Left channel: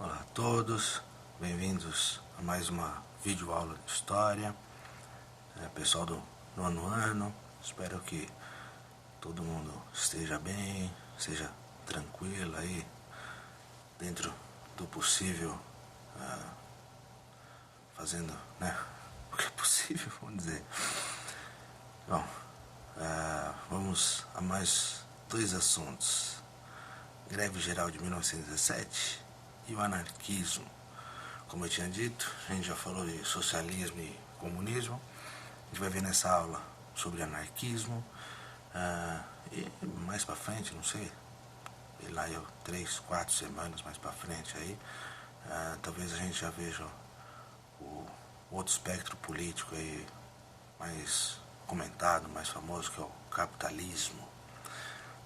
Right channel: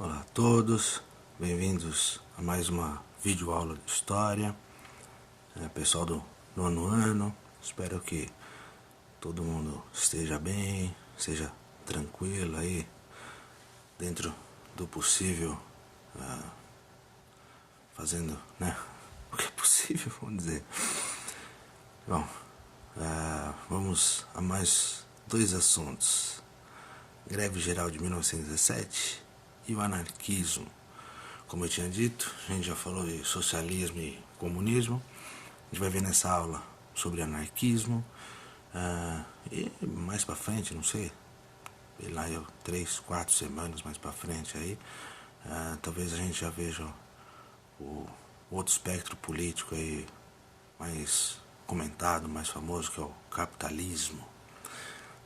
Olá a todos, bem-vindos a mais uma videoaula de História. Pessoal do 9º ano, espero que todo mundo esteja bem, seja tranquilo aí, dentro do possível, fazendo o que é possível, vamos dizer. Bom, vamos a mais dois assuntos: greve geral de 1917 e o anarquismo. Como eu tinha dito, a gente já falou de socialismo e comunismo. A gente vai ver nessa aula sobre anarquismo, e mais pra frente, não sei, lá 3, 4 semanas mais pra frente aí, talvez a gente já veja o outro espectro político aí mais comentado, mais famoso, que é o capitalismo.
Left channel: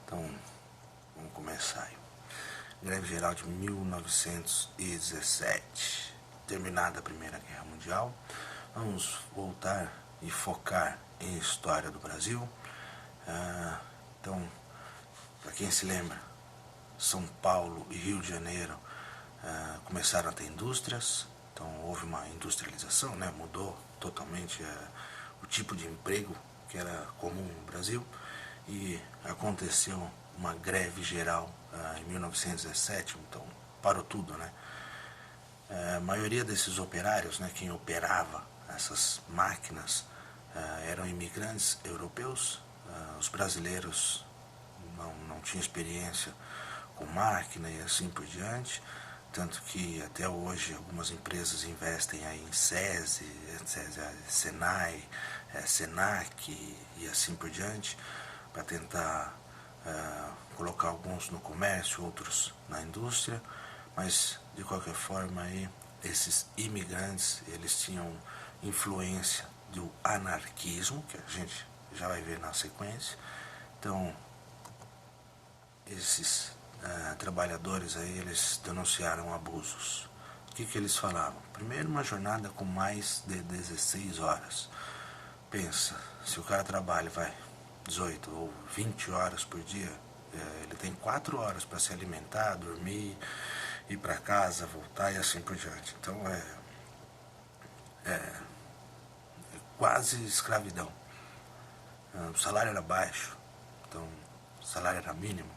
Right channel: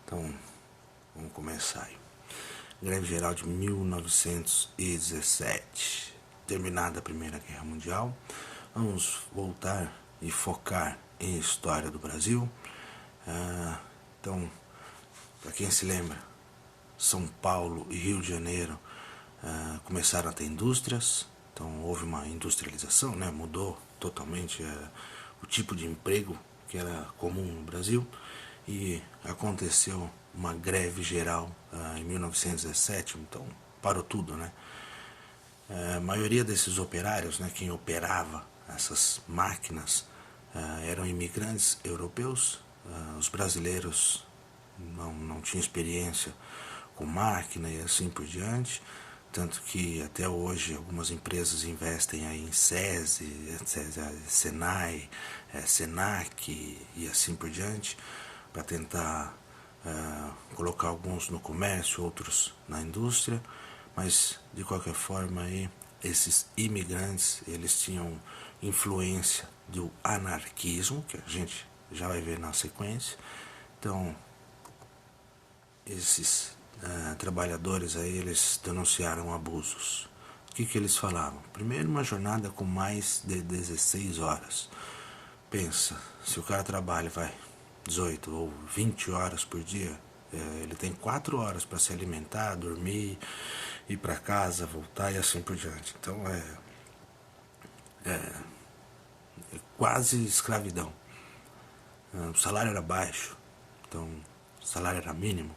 Então, vamos começar aí. Greve geral de 1917, terminada a Primeira Guerra Mundial. Vamos voltar e focar em história do Brasil. Então, para quem se lembra, São Paulo e Rio de Janeiro começaram a ter indústrias. Então houve uma industrialização, mudou totalmente o tipo de emprego que era comum no Brasil, e aconteceu uma greve geral em 1917, então parou tudo, A maioria desses operários, quem operava essas máquinas, eram imigrantes europeus. Os brasileiros não tinham experiência com máquina e assim por diante, tanto que até hoje algumas empresas investem aí em SESI, Senai, Senac e assim por diante, para tentar colocar alguns no comércio, outros na indústria. Mas de qualquer forma aí, esses imigrantes, eles tinham influência do anarquismo, que a gente já vai ver na sequência. Então esses trabalhadores aí, eles denunciaram abusos. O que eles falavam? Primeiro, uma jornada com mais de 16 horas. Pensa, se o cara trabalha 18 ou 20 horas por dia, ele tem 4 horas para se alimentar, dormir, ir para casa, voltar e assim por diante. Então é quase escravidão. O salário era baixo, então o salário era mínimo.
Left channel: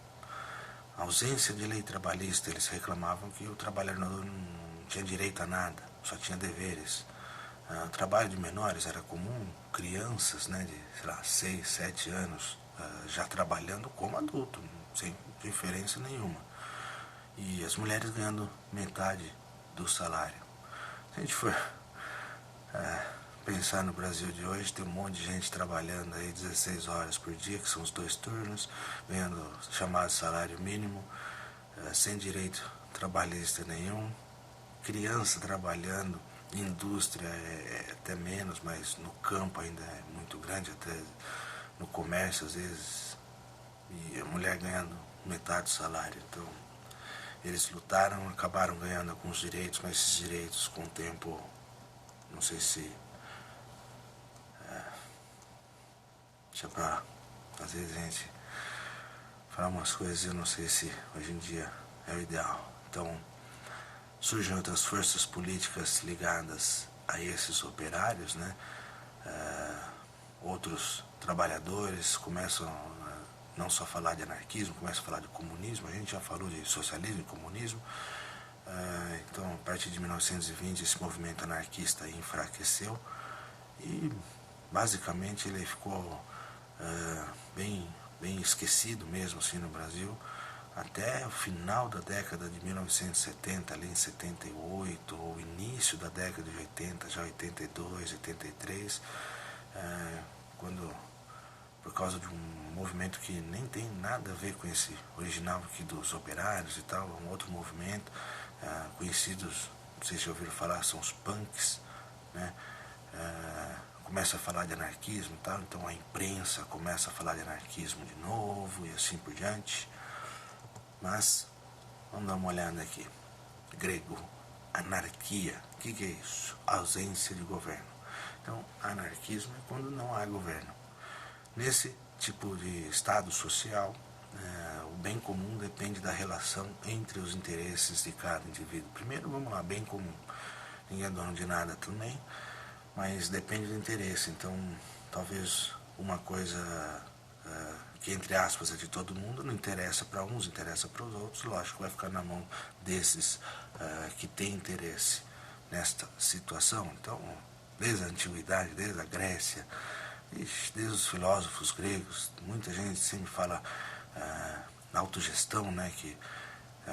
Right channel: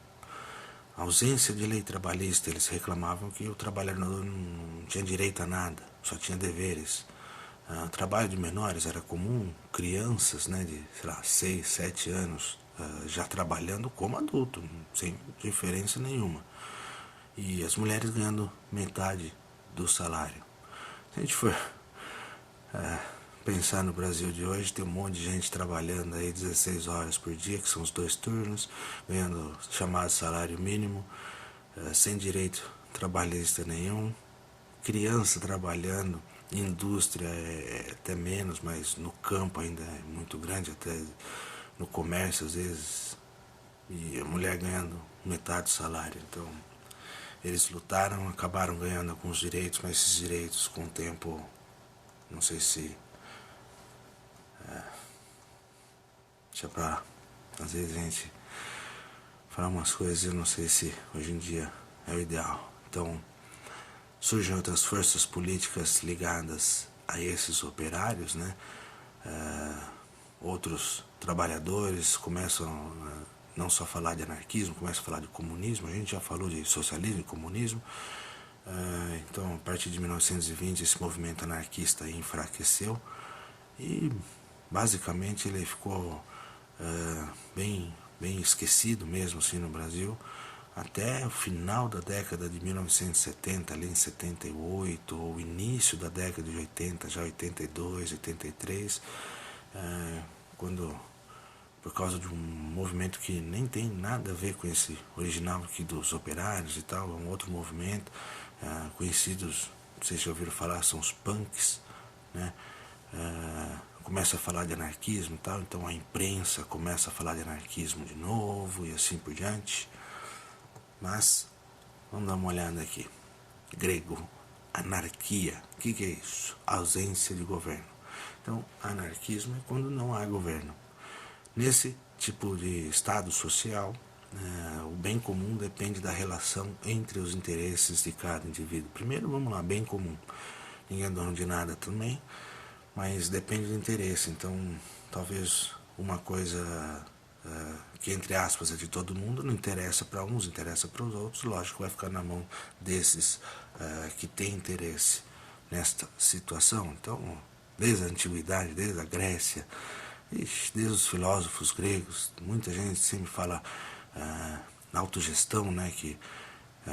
A ausência de lei trabalhista, eles reclamavam que o trabalhador não tinha direito a nada, só tinha deveres. O trabalho de menores era comum, crianças de 6, 7 anos já trabalhando como adulto, sem diferença nenhuma. E as mulheres ganhando metade do salário. Se a gente for pensar no Brasil de hoje, tem um monte de gente trabalhando aí 16 horas por dia, que são os 2 turnos, ganhando chamado salário mínimo, sem direito trabalhista nenhum, criança trabalhando, indústria até menos, mas no campo ainda é muito grande, até no comércio às vezes, e a mulher ganhando metade do salário. Então eles lutaram, acabaram ganhando alguns direitos, mas esses direitos com o tempo, não sei se deixa pra às vezes a gente falar umas coisas, eu não sei se hoje em dia é o ideal. Então surgem outras forças políticas ligadas a esses operários, outros trabalhadores começam não só a falar de anarquismo, começam a falar de comunismo. A gente já falou de socialismo e comunismo. Então a partir de 1920 esse movimento anarquista enfraqueceu e basicamente ele ficou bem esquecido mesmo assim no Brasil, até o final da década de 1970, ali em 78, ou início da década de 80, já 82, 83, quando, por causa de um movimento que nem tem nada a ver com esse original aqui dos operários e tal, um outro movimento, conhecidos, não sei se já ouviram falar, são os punks, começa a falar de anarquismo e tal, então a imprensa começa a falar de anarquismo de novo e assim por diante. Mas vamos dar uma olhada aqui. Grego, anarquia, o que é isso? Ausência de governo. Então anarquismo é quando não há governo. Nesse tipo de estado social, o bem comum depende da relação entre os interesses de cada indivíduo. Primeiro, vamos lá, bem comum. Ninguém é dono de nada também, mas depende do interesse. Então, talvez uma coisa que, entre aspas, é de todo mundo, não interessa para uns, interessa para os outros. Lógico, vai ficar na mão desses que têm interesse nesta situação. Então, desde a antiguidade, desde a Grécia, desde os filósofos gregos, muita gente sempre fala na autogestão, né, que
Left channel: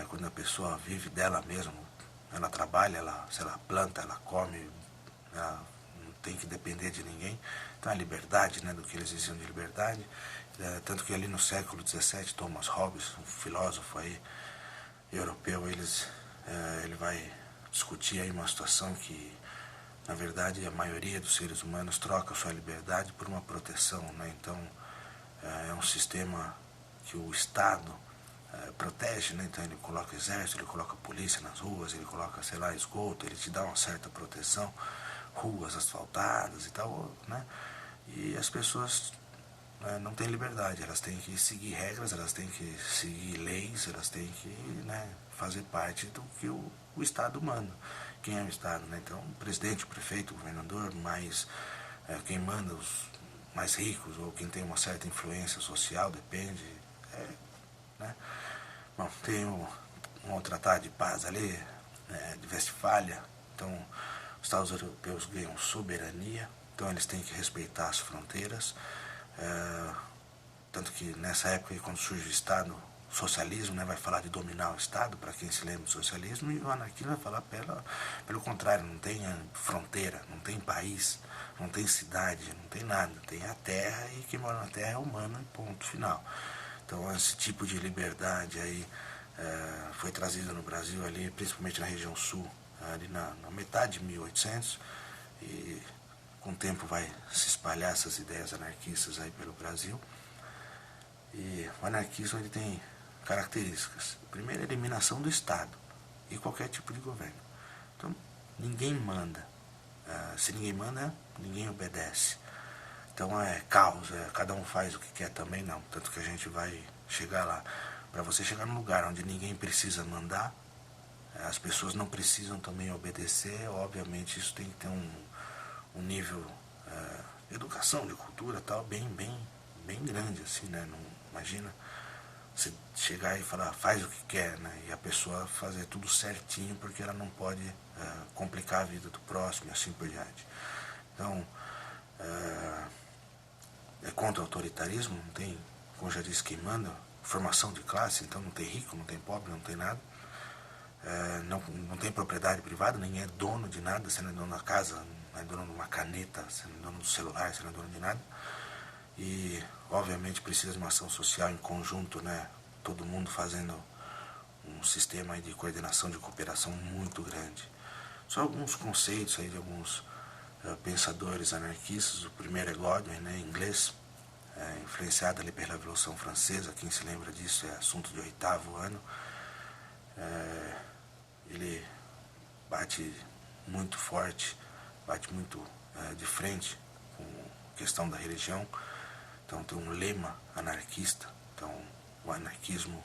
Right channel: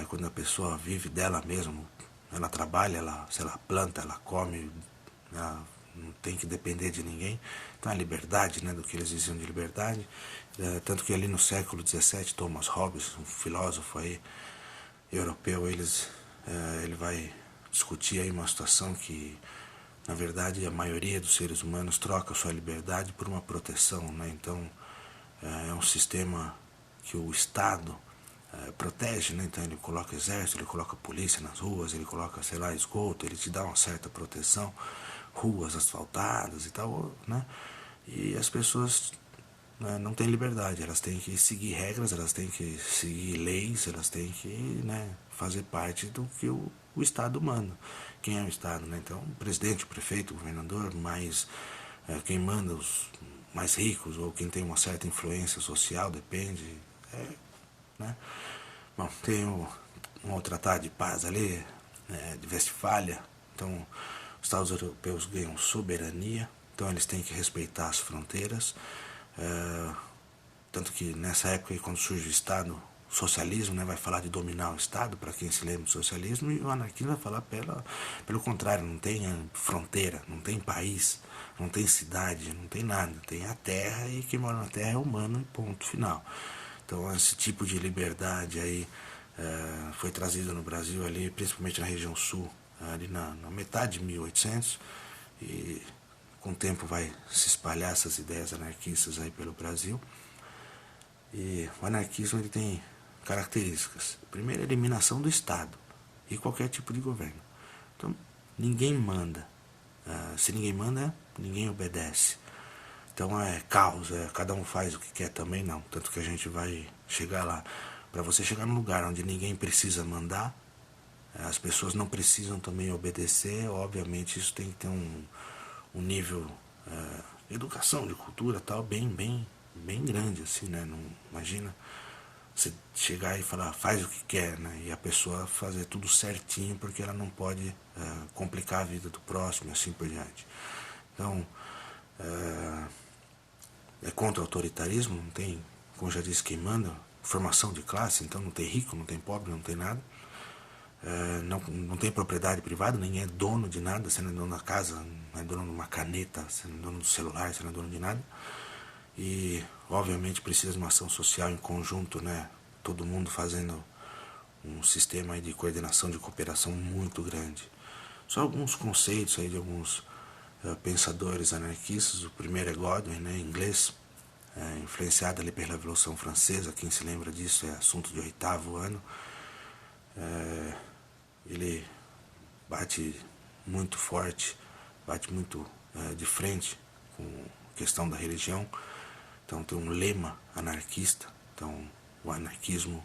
quando a pessoa vive dela mesma, ela trabalha, se ela planta, ela come, ela não tem que depender de ninguém. Então a liberdade, né, do que eles diziam de liberdade, tanto que ali no século XVII, Thomas Hobbes, um filósofo aí europeu, ele vai discutir aí uma situação que, na verdade, a maioria dos seres humanos troca sua liberdade por uma proteção, né? Então é um sistema que o Estado protege, né? Então ele coloca exército, ele coloca polícia nas ruas, ele coloca, sei lá, esgoto, ele te dá uma certa proteção, ruas asfaltadas e tal, né? E as pessoas não têm liberdade, elas têm que seguir regras, elas têm que seguir leis, elas têm que, né, fazer parte do que o Estado manda. Quem é o Estado, né? Então, o presidente, o prefeito, o governador, mas quem manda, os mais ricos ou quem tem uma certa influência social, depende, né? Bom, tem um tratado de paz ali, de Westfália. Então, os Estados europeus ganham soberania, então eles têm que respeitar as fronteiras. Tanto que nessa época, quando surge o Estado, o socialismo, né, vai falar de dominar o Estado, para quem se lembra do socialismo, e o anarquismo vai falar pelo contrário, não tem fronteira, não tem país, não tem cidade, não tem nada, tem a terra e quem mora na terra é humano e ponto final. Então esse tipo de liberdade aí foi trazido no Brasil ali, principalmente na região sul, ali na metade de 1800, e com o tempo vai se espalhar essas ideias anarquistas aí pelo Brasil. E o anarquismo ele tem características. Primeiro, a eliminação do Estado e qualquer tipo de governo. Então, ninguém manda. Se ninguém manda, ninguém obedece. Então é caos, cada um faz o que quer também, não. Tanto que a gente vai chegar lá. Para você chegar num lugar onde ninguém precisa mandar, as pessoas não precisam também obedecer, obviamente isso tem que ter um nível de educação, de cultura tal, bem grande, assim, né? Não, imagina você chegar e falar, faz o que quer, né? E a pessoa fazer tudo certinho porque ela não pode complicar a vida do próximo e assim por diante. Então, é contra o autoritarismo, não tem, como já disse, quem manda, formação de classe, então não tem rico, não tem pobre, não tem nada. Não tem propriedade privada, nem é dono de nada, você não é dono da casa, não é dono de uma caneta, você não é dono do celular, você não é dono de nada. E, obviamente, precisa de uma ação social em conjunto, né? Todo mundo fazendo um sistema aí de coordenação, de cooperação muito grande. Só alguns conceitos aí de alguns pensadores anarquistas. O primeiro é Godwin, né, em inglês, influenciado ali pela Revolução Francesa. Quem se lembra disso é assunto de 8º ano. Ele bate muito forte, bate muito de frente com a questão da religião. Então tem um lema anarquista. Então o anarquismo,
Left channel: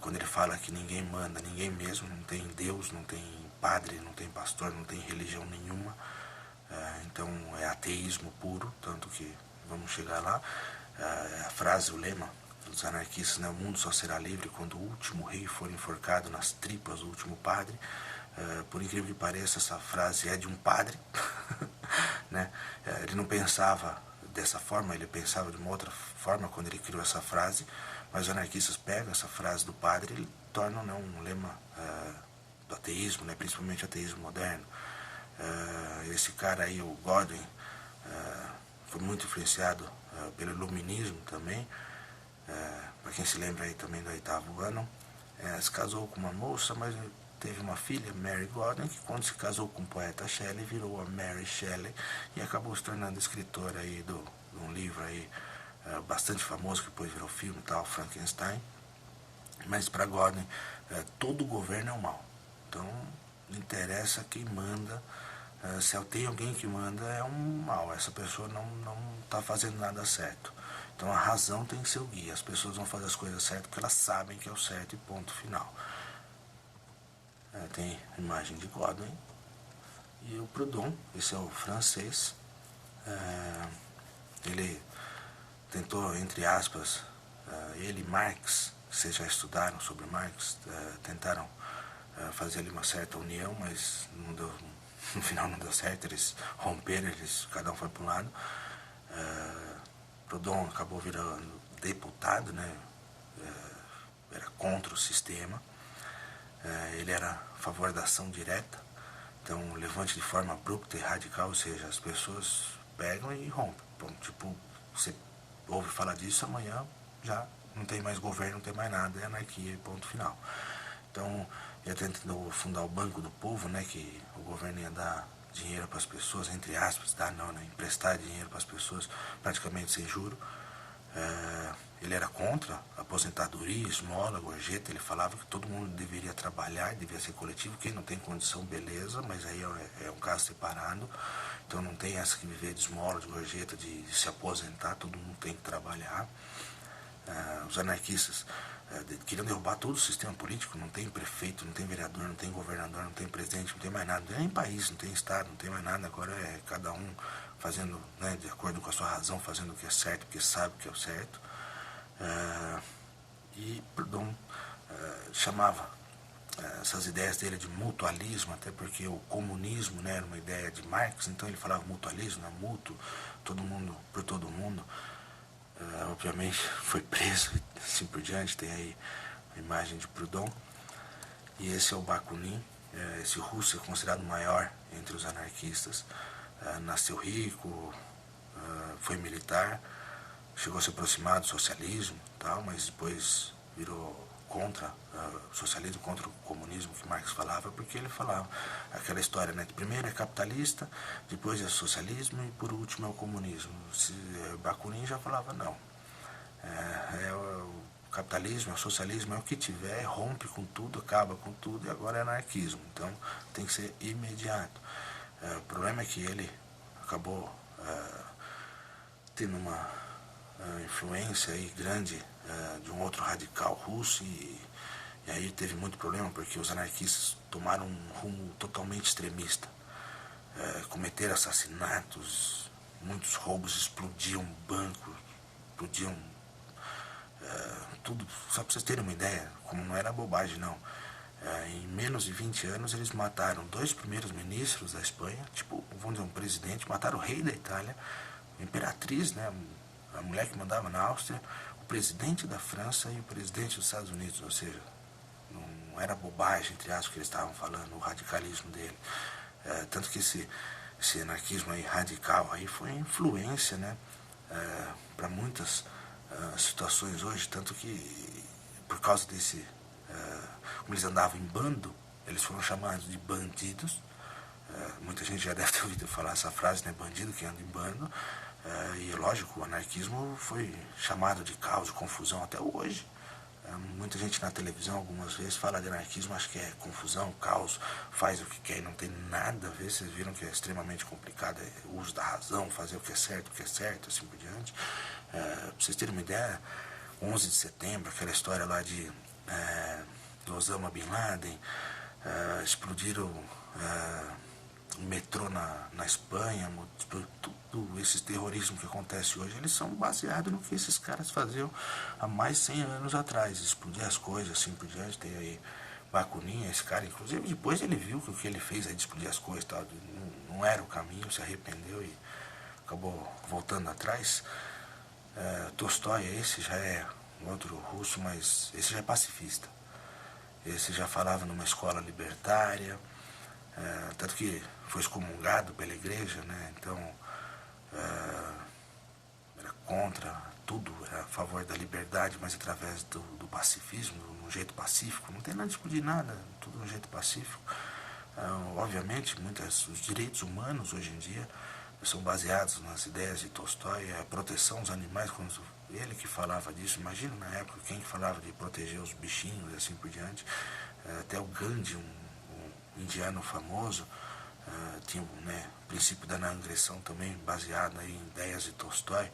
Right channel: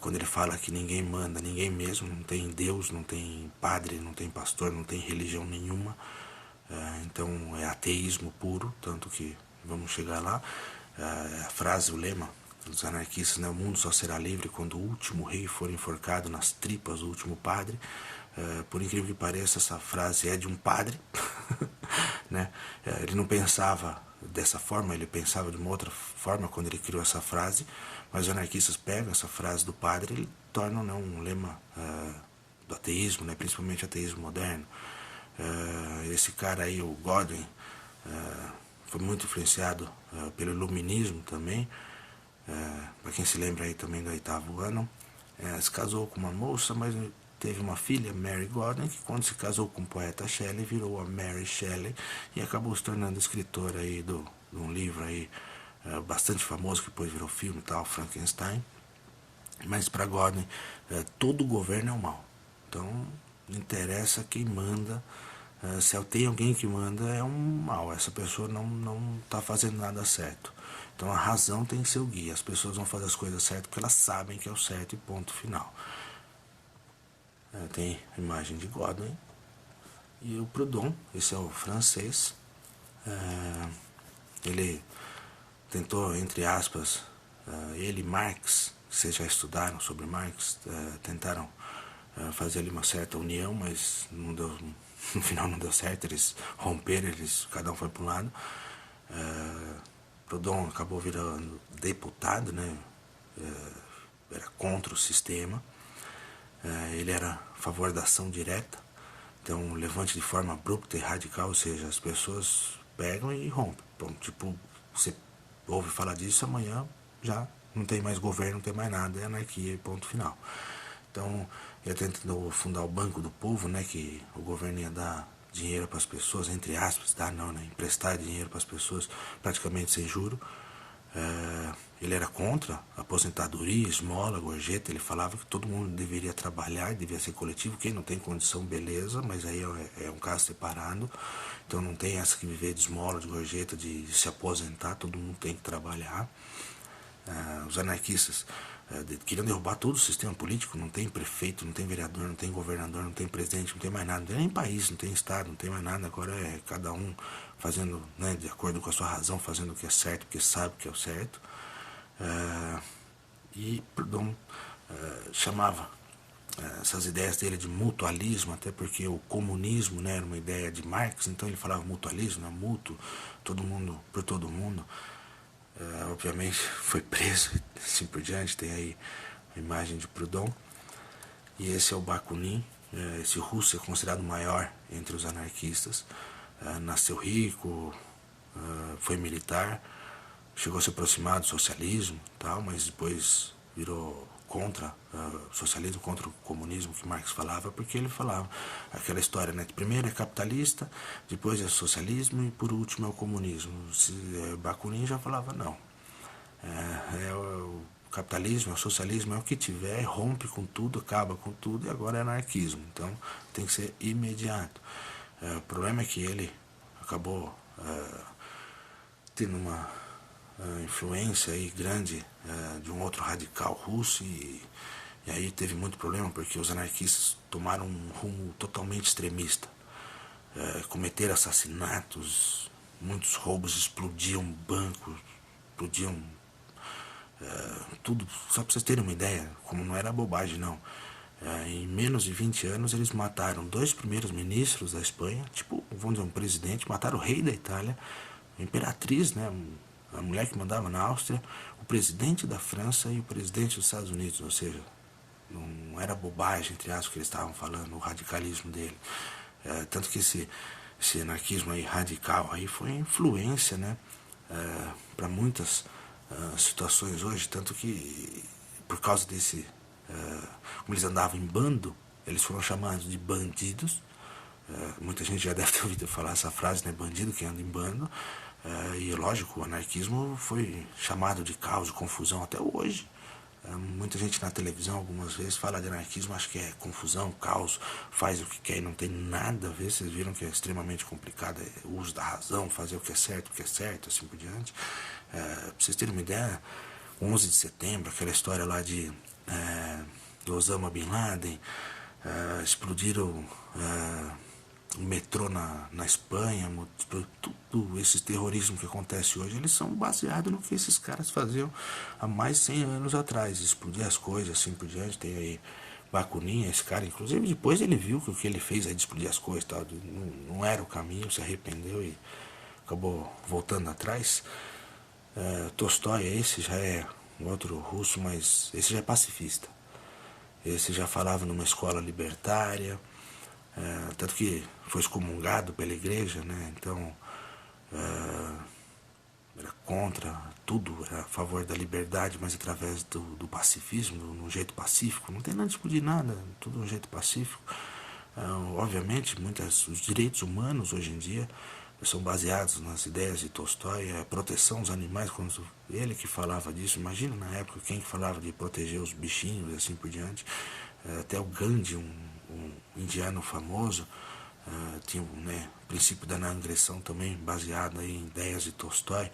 quando ele fala que ninguém manda, ninguém mesmo, não tem Deus, não tem padre, não tem pastor, não tem religião nenhuma, então é ateísmo puro, tanto que vamos chegar lá. A frase, o lema dos anarquistas, né, o mundo só será livre quando o último rei for enforcado nas tripas do último padre. Por incrível que pareça, essa frase é de um padre, né? Ele não pensava dessa forma, ele pensava de uma outra forma quando ele criou essa frase, mas os anarquistas pegam essa frase do padre e tornam, né, um lema do ateísmo, né, principalmente o ateísmo moderno. Esse cara aí, o Godwin, foi muito influenciado pelo iluminismo também. Para quem se lembra aí também do 8º ano, se casou com uma moça, mas teve uma filha, Mary Godwin, que quando se casou com o poeta Shelley, virou a Mary Shelley e acabou se tornando escritora aí de um livro aí bastante famoso, que depois virou filme e tal, Frankenstein. Mas para Godwin, todo governo é o mal. Então, não interessa quem manda. Se tem alguém que manda, é um mal. Essa pessoa não está fazendo nada certo. Então a razão tem seu guia. As pessoas vão fazer as coisas certas porque elas sabem que é o certo e ponto final. Tem a imagem de Godwin e o Proudhon, esse é o francês. Ele tentou, entre aspas, ele e Marx, vocês já estudaram sobre Marx, tentaram fazer ali uma certa união, mas não deu, no final não deu certo, eles romperam, cada um foi para um lado. Proudhon acabou virando deputado, né? Era contra o sistema. Ele era a favor da ação direta, então levante de forma abrupta e radical, ou seja, as pessoas pegam e rompem. Então, tipo, você ouve falar disso, amanhã já não tem mais governo, não tem mais nada, é anarquia e ponto final. Então, ele tentou fundar o Banco do Povo, né, que o governo ia dar dinheiro para as pessoas, entre aspas, emprestar dinheiro para as pessoas praticamente sem juro. Ele era contra a aposentadoria, esmola, gorjeta. Ele falava que todo mundo deveria trabalhar, devia ser coletivo. Quem não tem condição, beleza, mas aí é um caso separado. Então não tem essa que viver de esmola, de gorjeta, de se aposentar. Todo mundo tem que trabalhar. Os anarquistas queriam derrubar todo o sistema político. Não tem prefeito, não tem vereador, não tem governador, não tem presidente, não tem mais nada. Não tem nem país, não tem estado, não tem mais nada. Agora é cada um fazendo, né, de acordo com a sua razão, fazendo o que é certo, porque sabe que é o certo. E Proudhon chamava essas ideias dele de mutualismo, até porque o comunismo, né, era uma ideia de Marx, então ele falava mutualismo, né, mútuo, todo mundo por todo mundo. Obviamente foi preso e assim por diante. Tem aí a imagem de Proudhon. E esse é o Bakunin. Esse russo é considerado o maior entre os anarquistas. Nasceu rico, foi militar, chegou a se aproximar do socialismo, tal, mas depois virou contra o socialismo, contra o comunismo que Marx falava, porque ele falava aquela história, né, que primeiro é capitalista, depois é socialismo e por último é o comunismo. Bakunin já falava não, o capitalismo, o socialismo é o que tiver, rompe com tudo, acaba com tudo, e agora é anarquismo, então tem que ser imediato. O problema é que ele acabou tendo uma influência aí grande de um outro radical russo, e aí teve muito problema porque os anarquistas tomaram um rumo totalmente extremista, cometeram assassinatos, muitos roubos, explodiam bancos, explodiam tudo, só para vocês terem uma ideia, como não era bobagem não. Em menos de 20 anos eles mataram 2 primeiros ministros da Espanha, tipo, vamos dizer, um presidente, mataram o rei da Itália, a imperatriz, né, a mulher que mandava na Áustria, o presidente da França e o presidente dos Estados Unidos, ou seja, não era bobagem, entre aspas, que eles estavam falando, o radicalismo dele. Tanto que esse anarquismo aí radical aí foi influência, né, para muitas situações hoje, tanto que por causa desse, como eles andavam em bando, eles foram chamados de bandidos. Muita gente já deve ter ouvido falar essa frase, né, bandido que anda em bando. E lógico, o anarquismo foi chamado de caos, de confusão até hoje. Muita gente na televisão algumas vezes fala de anarquismo, acho que é confusão, caos, faz o que quer e não tem nada a ver. Vocês viram que é extremamente complicado, o uso da razão, fazer o que é certo, assim por diante. Pra vocês terem uma ideia, 11 de setembro, aquela história lá do Osama Bin Laden, explodiram o metrô na Espanha, tudo esses terrorismo que acontece hoje, eles são baseados no que esses caras faziam há mais de 100 anos atrás, explodir as coisas, assim por diante. Tem aí Bakunin, esse cara, inclusive depois ele viu que o que ele fez aí de explodir as coisas, tal, não era o caminho, se arrependeu e acabou voltando atrás. Tolstói, esse já é um outro russo, mas esse já é pacifista. Esse já falava numa escola libertária, tanto que foi excomungado pela igreja, né? Então era contra tudo, era a favor da liberdade, mas através do pacifismo, de um jeito pacífico. Não tem nada de discutir nada, tudo de um jeito pacífico. Obviamente, os direitos humanos hoje em dia são baseados nas ideias de Tolstói, a proteção dos animais, quando ele que falava disso. Imagina na época quem falava de proteger os bichinhos e assim por diante. Até o Gandhi, um indiano famoso, tinha, né, o princípio da não agressão também baseado em ideias de Tolstói.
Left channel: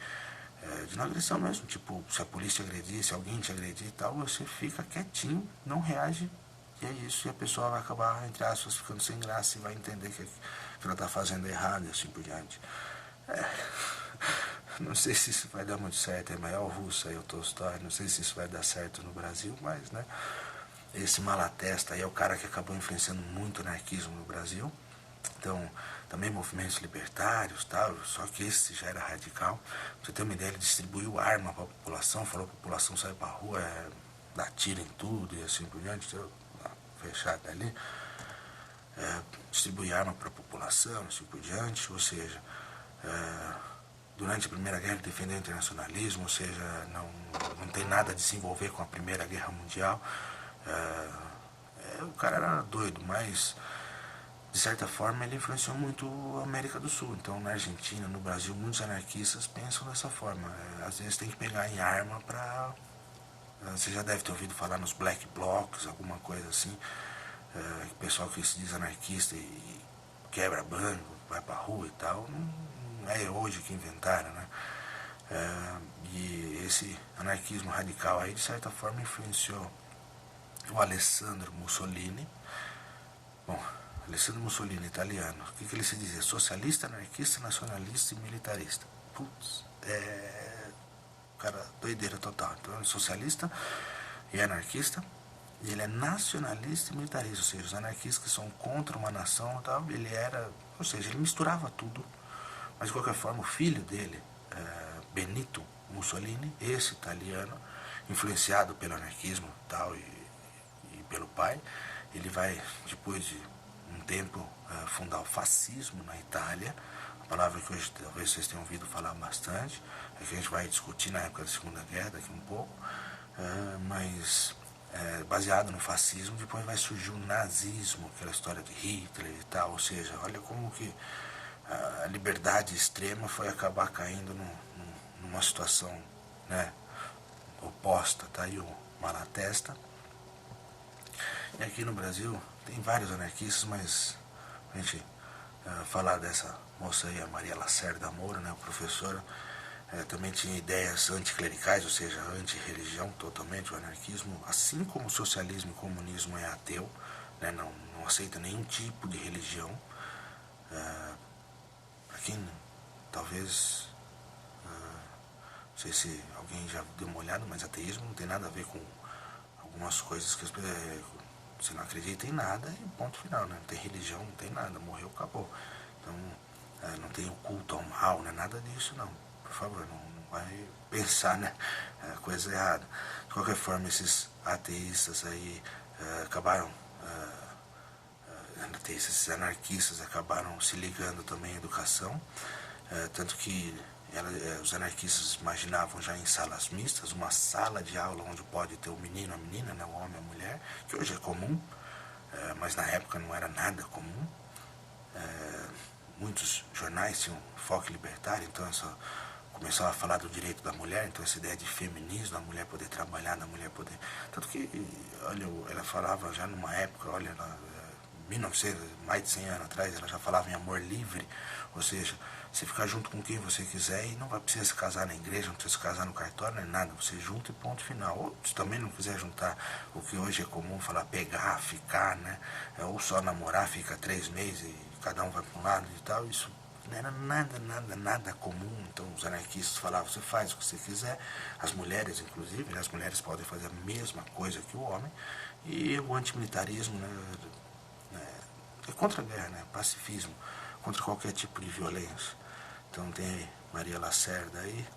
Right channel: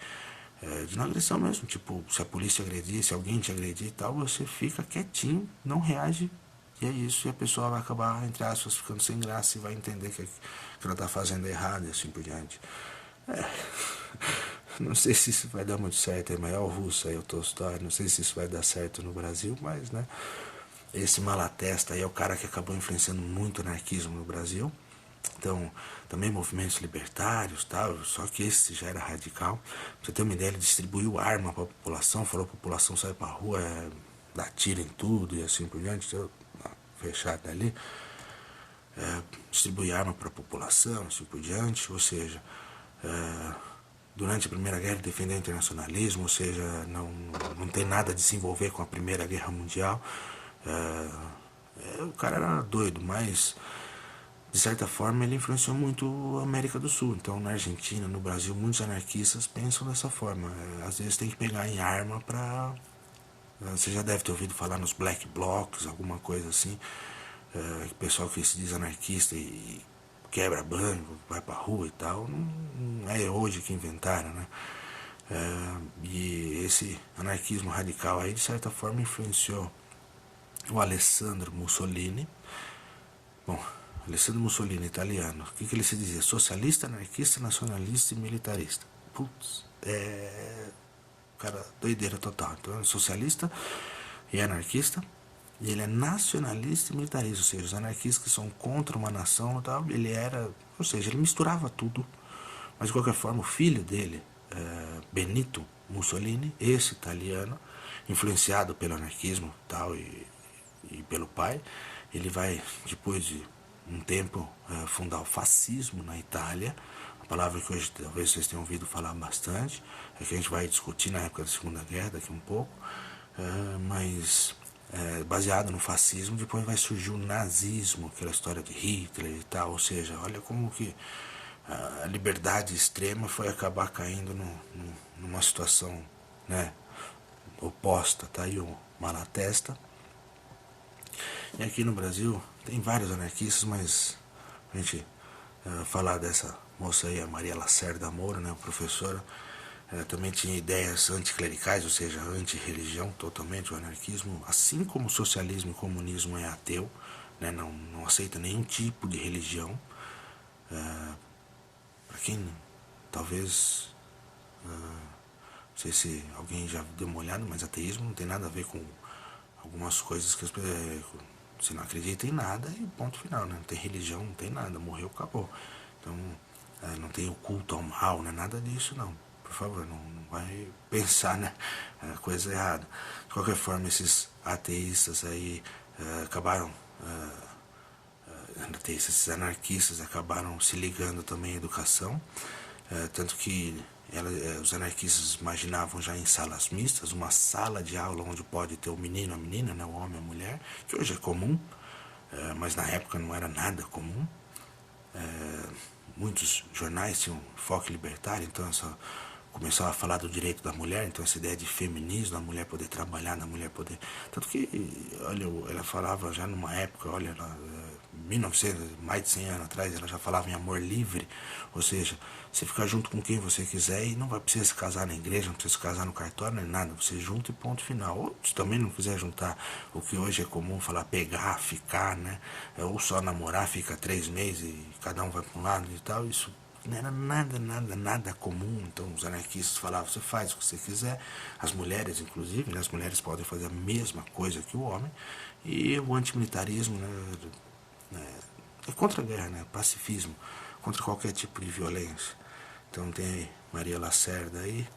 de não agressão mesmo, tipo, se a polícia agredir, se alguém te agredir e tal, você fica quietinho, não reage, e é isso, e a pessoa vai acabar, entre aspas, ficando sem graça e vai entender que ela tá fazendo errado e assim por diante. Não sei se isso vai dar muito certo, é maior russo aí o Tolstói, não sei se isso vai dar certo no Brasil, mas, né, esse Malatesta aí é o cara que acabou influenciando muito o anarquismo no Brasil. Então, também movimentos libertários, tal, só que esse já era radical. Pra você ter uma ideia, ele distribuiu arma para a população, falou a população sai para a rua, dá tiro em tudo e assim por diante, fechado ali. Distribuir arma para a população, assim por diante, ou seja, durante a Primeira Guerra ele defendeu o internacionalismo, ou seja, não tem nada a desenvolver com a Primeira Guerra Mundial. O cara era doido, mas de certa forma ele influenciou muito a América do Sul. Então na Argentina, no Brasil, muitos anarquistas pensam dessa forma. Às vezes tem que pegar em arma para... Você já deve ter ouvido falar nos black blocs, alguma coisa assim. O pessoal que se diz anarquista e quebra banco, vai pra rua e tal, não é hoje que inventaram, né? E esse anarquismo radical aí, de certa forma, influenciou o Alessandro Mussolini. Bom, Alessandro Mussolini, italiano, o que ele se dizia? Socialista, anarquista, nacionalista e militarista. Putz, cara, doideira total. Então, é socialista e anarquista, e ele é nacionalista e militarista, ou seja, os anarquistas que são contra uma nação e tal, ele era, ou seja, ele misturava tudo. Mas de qualquer forma, o filho dele, Benito Mussolini, esse italiano, influenciado pelo anarquismo tal, e pelo pai, ele vai, depois de um tempo, fundar o fascismo na Itália, a palavra que hoje talvez vocês tenham ouvido falar bastante, é que a gente vai discutir na época da Segunda Guerra daqui um pouco, mas baseado no fascismo, depois vai surgir o nazismo, aquela história de Hitler e tal, ou seja, olha como que a liberdade extrema foi acabar caindo numa situação, né, oposta. Tá aí o Malatesta. E aqui no Brasil tem vários anarquistas, mas a gente falar dessa moça aí, a Maria Lacerda Moura, né, professora, também tinha ideias anticlericais, ou seja, anti-religião totalmente, o anarquismo, assim como o socialismo e o comunismo é ateu, né, não aceita nenhum tipo de religião. Para quem talvez, não sei se alguém já deu uma olhada, mas ateísmo não tem nada a ver com algumas coisas que você não acredita em nada e ponto final, né? Não tem religião, não tem nada, morreu, acabou. Então, não tem o culto ao mal, né? Nada disso, não. Por favor, não vai pensar, né? Coisa errada. De qualquer forma, esses ateístas aí acabaram... esses anarquistas acabaram se ligando também à educação, tanto que os anarquistas imaginavam já em salas mistas, uma sala de aula onde pode ter o menino, a menina, né, o homem, a mulher, que hoje é comum, mas na época não era nada comum. Muitos jornais tinham foco libertário, então começava a falar do direito da mulher, então essa ideia de feminismo, da mulher poder trabalhar, da mulher poder... Tanto que, olha, ela falava já numa época, olha, 1900, mais de 100 anos atrás, ela já falava em amor livre, ou seja, você ficar junto com quem você quiser e não vai precisar se casar na igreja, não precisa se casar no cartório, nem nada, você junta e ponto final. Ou se também não quiser juntar o que hoje é comum falar pegar, ficar, né, ou só namorar, fica 3 meses e cada um vai para um lado e tal, isso não era nada comum. Então os anarquistas falavam, você faz o que você quiser, as mulheres inclusive, né, as mulheres podem fazer a mesma coisa que o homem, e o antimilitarismo, né, é contra a guerra, né, pacifismo, contra qualquer tipo de violência. Então tem Maria Lacerda aí,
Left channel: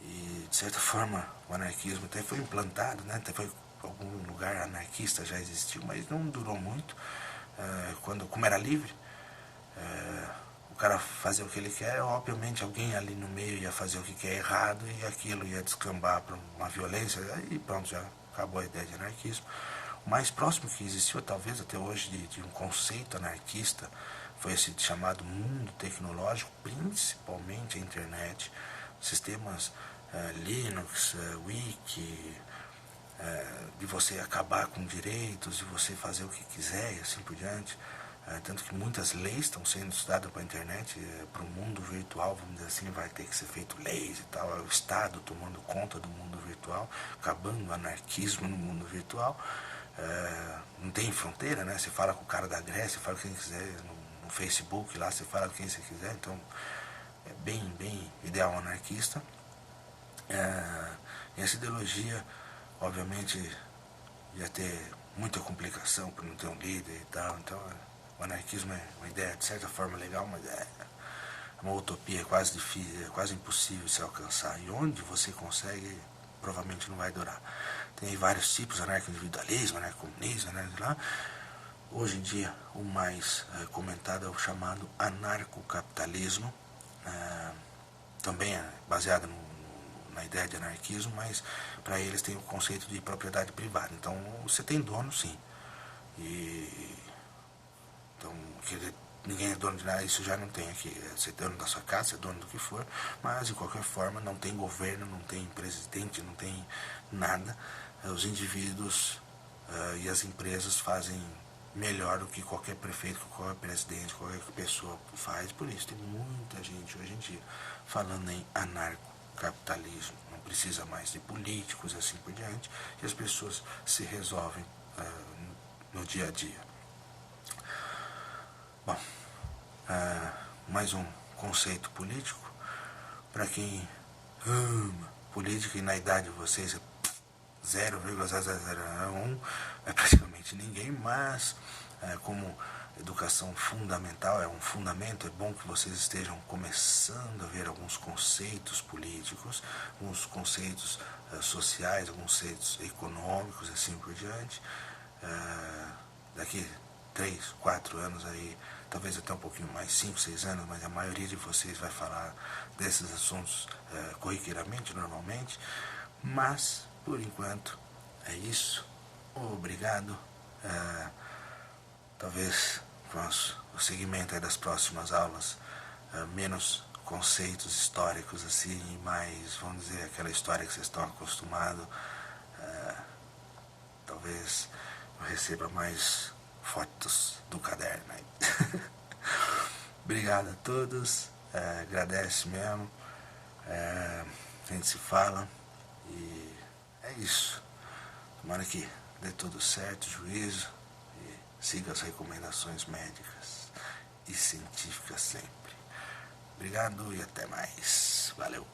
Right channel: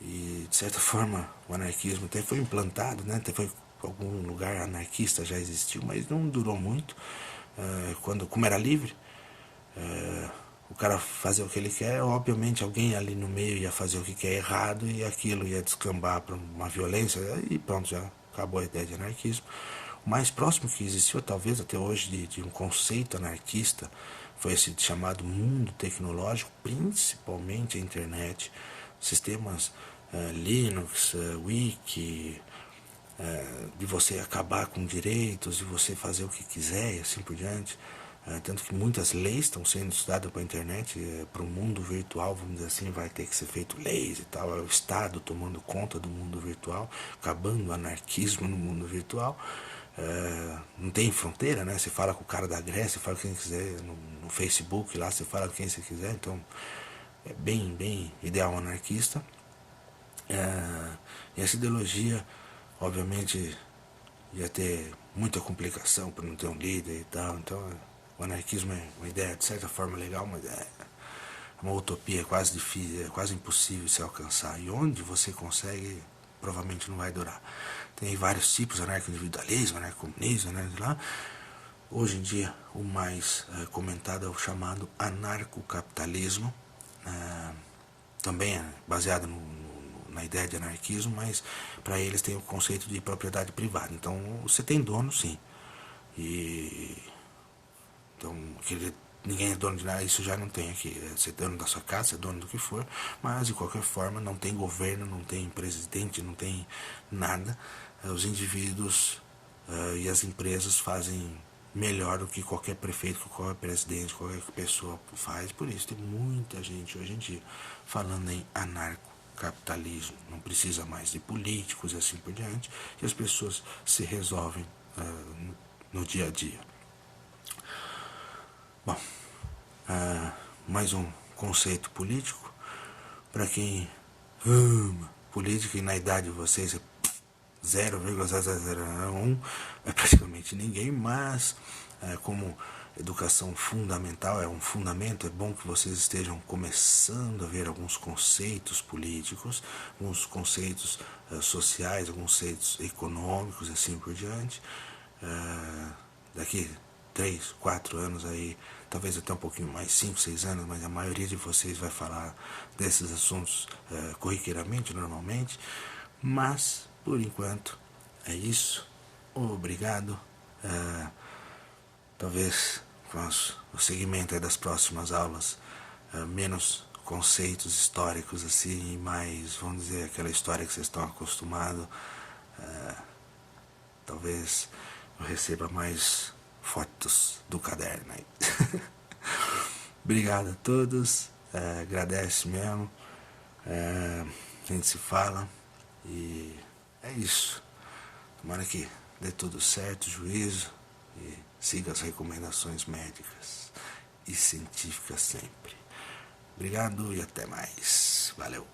e de certa forma o anarquismo até foi implantado, né, até foi algum lugar anarquista já existiu, mas não durou muito. Como era livre, o cara fazia o que ele quer, obviamente alguém ali no meio ia fazer o que quer errado e aquilo ia descambar para uma violência e pronto, já acabou a ideia de anarquismo. O mais próximo que existiu, talvez até hoje, de um conceito anarquista foi esse chamado mundo tecnológico, principalmente a internet, sistemas Linux, Wiki, de você acabar com direitos, de você fazer o que quiser e assim por diante. tanto que muitas leis estão sendo estudadas para a internet, para o mundo virtual, vamos dizer assim, vai ter que ser feito leis e tal, é o Estado tomando conta do mundo virtual, acabando o anarquismo no mundo virtual. Não tem fronteira, né? Você fala com o cara da Grécia, você fala com quem quiser, no Facebook lá, você fala com quem você quiser, então é bem ideal anarquista. E essa ideologia, obviamente, ia ter muita complicação por não ter um líder e tal, então o anarquismo é uma ideia de certa forma legal, mas é uma utopia, é quase difícil, é quase impossível se alcançar, e onde você consegue, provavelmente não vai durar. Tem vários tipos, anarco-individualismo, anarco-comunismo, lá. Hoje em dia, o mais comentado é o chamado anarcocapitalismo, também é baseado na ideia de anarquismo, mas para eles tem o conceito de propriedade privada. Então você tem dono, sim. Então ninguém é dono de nada, isso já não tem aqui. Você é dono da sua casa, você é dono do que for, mas de qualquer forma não tem governo, não tem presidente, não tem nada. Os indivíduos e as empresas fazem melhor do que qualquer prefeito, qualquer presidente, qualquer pessoa faz. Por isso tem muita gente hoje em dia falando em anarcocapitalismo. Não precisa mais de políticos e assim por diante, e as pessoas se resolvem no dia a dia. Bom, mais um conceito político. Para quem ama política, e na idade de vocês é 0,0001, é praticamente ninguém, mas como educação fundamental, é um fundamento, é bom que vocês estejam começando a ver alguns conceitos políticos, alguns conceitos sociais, alguns conceitos econômicos, assim por diante. Daqui 3, 4 anos aí, talvez até um pouquinho mais, 5, 6 anos, mas a maioria de vocês vai falar desses assuntos corriqueiramente, normalmente, mas por enquanto é isso. Obrigado. Talvez o segmento das próximas aulas, menos conceitos históricos assim, e mais, vamos dizer, aquela história que vocês estão acostumados. Talvez eu receba mais fotos do caderno aí. Obrigado a todos, agradece mesmo, a gente se fala e é isso. Tomara que dê tudo certo, juízo, e siga as recomendações médicas e científicas sempre. Obrigado e até mais. Valeu.